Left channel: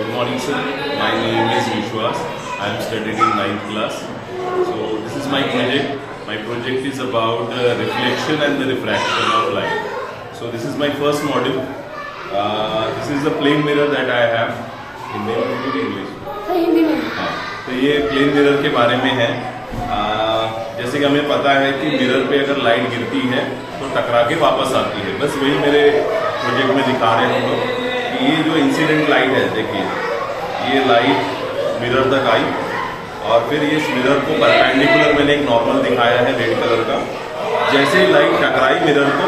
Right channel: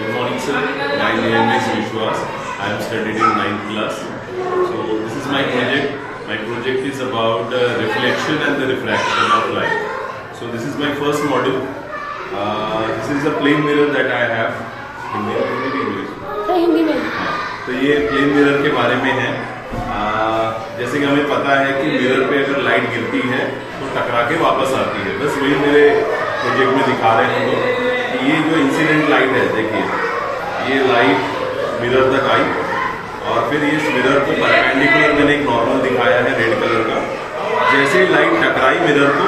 Good morning, sir. My name is Vishwas. I am studying in 9th class. So this is my project. My project is about the reflection and the refraction of light. So this is my first module. This is the plane mirror that I have. Hindi में। तो ये plane mirror के बारे में है। जैसे कि हमें पता है कि मिरर पे अगर लाइट गिरती है तो टकरा के वापस आती है। बस वही मेरे प्रोजेक्ट में दिखा रहे हैं कि ये जो इंसिडेंट लाइट है, देखिए ये लाइट मिरर तक आई और फिर इस मिरर को परपेंडिकुलर मैंने एक नॉर्मल दिखाया है रेड कलर का। जैसे ही लाइट टकराई मिरर को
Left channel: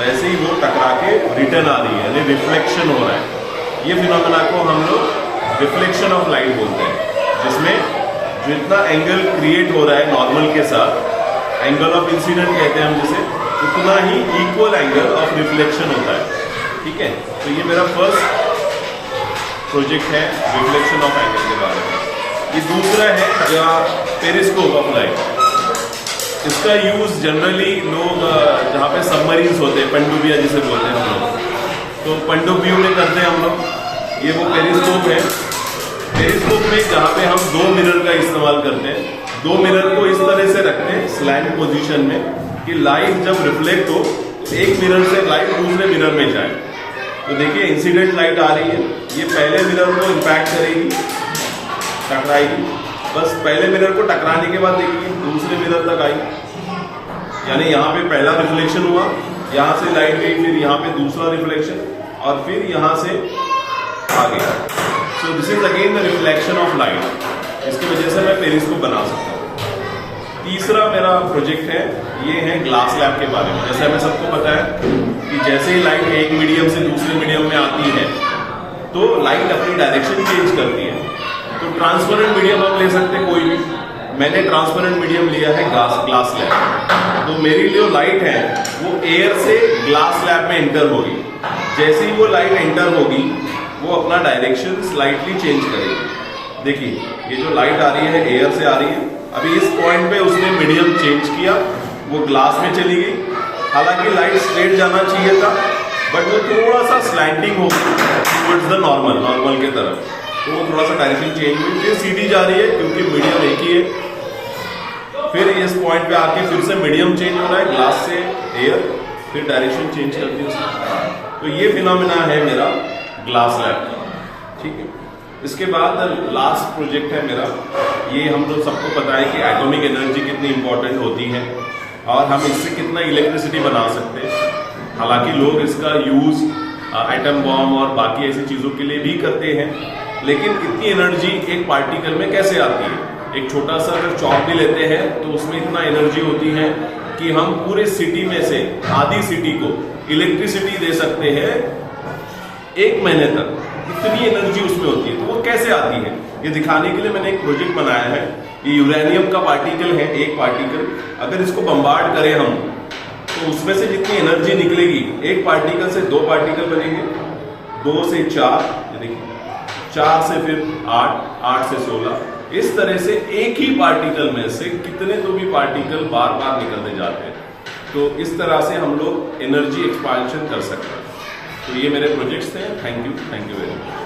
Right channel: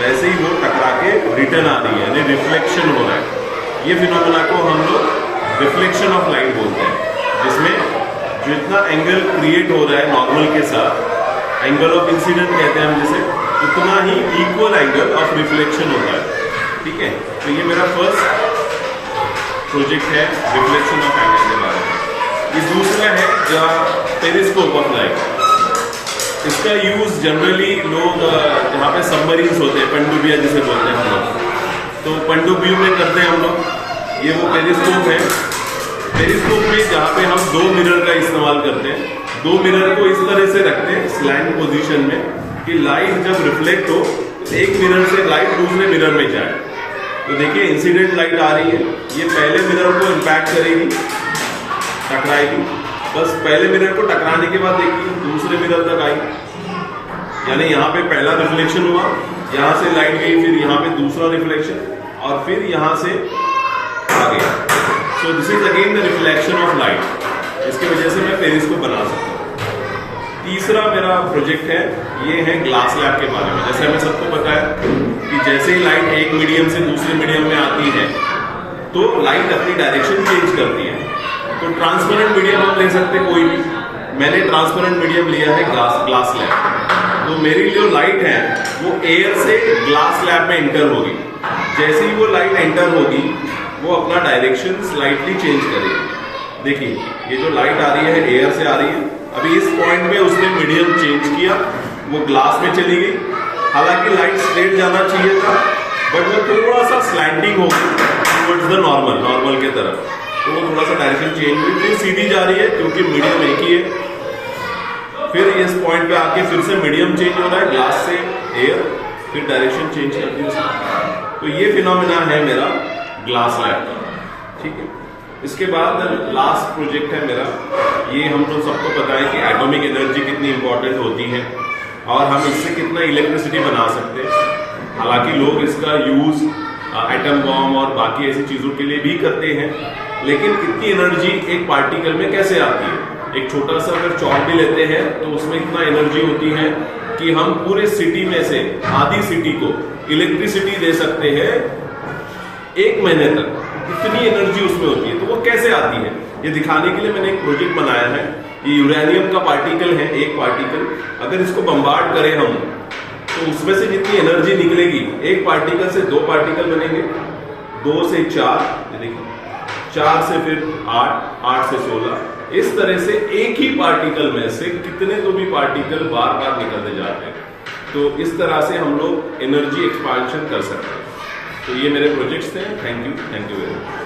वैसे ही वो टकरा के रिटर्न आ रही है, यानी रिफ्लेक्शन हो रहा है। ये फिनोमेना को हम लोग रिफ्लेक्शन ऑफ लाइट बोलते हैं, जिसमें जितना एंगल क्रिएट हो रहा है नॉर्मल के साथ, एंगल ऑफ इंसिडेंट कहते हैं हम जिसे, उतना ही इक्वल एंगल ऑफ रिफ्लेक्शन होता है। ठीक है, तो ये मेरा फर्स्ट प्रोजेक्ट है रिफ्लेक्शन ऑफ एंगल के बारे में। ये दूसरा है पेरिस्कोप ऑफ लाइट। इसका यूज जनरली लोग जहाँ पे सबमरीन्स होते हैं, पनडुब्बियां जिसे बोलते हैं हम लोग, तो पनडुब्बियों में करते हैं हम लोग। ये वो पेरिस्कोप है। पेरिस्कोप में जहाँ पे हम दो मिरर का इस्तेमाल करते हैं, दो मिरर को इस तरह से रखते हैं स्लैंट पोजीशन में कि लाइट जब रिफ्लेक्ट हो तो एक मिरर से लाइट दूसरे मिरर में जाए। तो देखिए इंसिडेंट लाइट आ रही है, ये पहले मिरर को इम्पैक्ट करेगी, टकराएगी। बस पहले मिरर को टकराने के बाद देखिए दूसरे मिरर तक आई, यानी यहाँ पे पहला रिफ्लेक्शन हुआ, यहाँ से लाइट गई, फिर यहाँ पे दूसरा रिफ्लेक्शन और फिर यहाँ से आ गया। So this is again the reflection of light. इसकी वजह से मैं पेरिस्कोप बना सकता हूँ। तीसरा मेरा प्रोजेक्ट है, ये है ग्लास लैब के बारे में। जैसे हमें सबको पता है कि जैसे ही लाइट एक मीडियम से दूसरे मीडियम में आती है तो लाइट अपनी डायरेक्शन चेंज करती है। तो ट्रांसपेरेंट मीडियम आप ले सकते हैं कोई भी। मैंने ट्रांसपेरेंट मीडियम लिया है ग्लास लैब। तो मेरी जो लाइट है वो एयर से ग्लास लैब में एंटर होगी। जैसे ही वो लाइट एंटर होगी वो अपना डायरेक्शन स्लाइटली चेंज करेगी। देखिए ये जो लाइट आ रही है एयर से आ रही है, अभी इस पॉइंट पे उसने मीडियम चेंज किया, वो ग्लास में चली गई। हालांकि लाइट स्ट्रेट जाना चाहिए था, बट वो थोड़ा सा स्लैंटिंग हो गई टुवर्ड्स द नॉर्मल के तरफ, तो वो थोड़ा सा डायरेक्शन चेंज हुई। फिर सीधी जा रही है क्योंकि मीडियम एक ही है। फिर इस पॉइंट पे आके फिर से मीडियम चेंज होना है, ग्लास से एयर, फिर डायरेक्शन चेंज कर दी उसने। तो ये फिनोमेना है मेरा ग्लास लैब। ठीक है, इसके बाद लास्ट प्रोजेक्ट है मेरा, ये हम लोग सबको पता है कि एटॉमिक एनर्जी कितनी इंपॉर्टेंट होती है और हम इससे कितना इलेक्ट्रिसिटी बना सकते हैं। हालांकि लोग इसका यूज एटम बॉम्ब और बाकी ऐसी चीजों के लिए भी करते हैं, लेकिन इतनी एनर्जी एक पार्टिकल में कैसे आती है? एक छोटा सा अगर चॉक भी लेते हैं तो उसमें इतना एनर्जी होती है कि हम पूरे सिटी में से आधी सिटी को इलेक्ट्रिसिटी दे सकते हैं 1 महीने तक। इतनी एनर्जी उसमें होती है। तो वो कैसे आती है ये दिखाने के लिए मैंने एक प्रोजेक्ट बनाया है। ये यूरेनियम का पार्टिकल है, एक पार्टिकल। अगर इसको बम्बार्ड करें हम तो उसमें से जितनी एनर्जी निकलेगी, एक पार्टिकल से 2 पार्टिकल बनेंगे, 2 से 4, देखिए 4 से फिर 8, 8 से 16। इस तरह से एक ही पार्टिकल में से कितने तो भी पार्टिकल बार बार निकलते जाते हैं। तो इस तरह से हम लोग एनर्जी एक्सपांशन कर सकते हैं। तो ये मेरे प्रोजेक्ट्स थे। Thank you very much.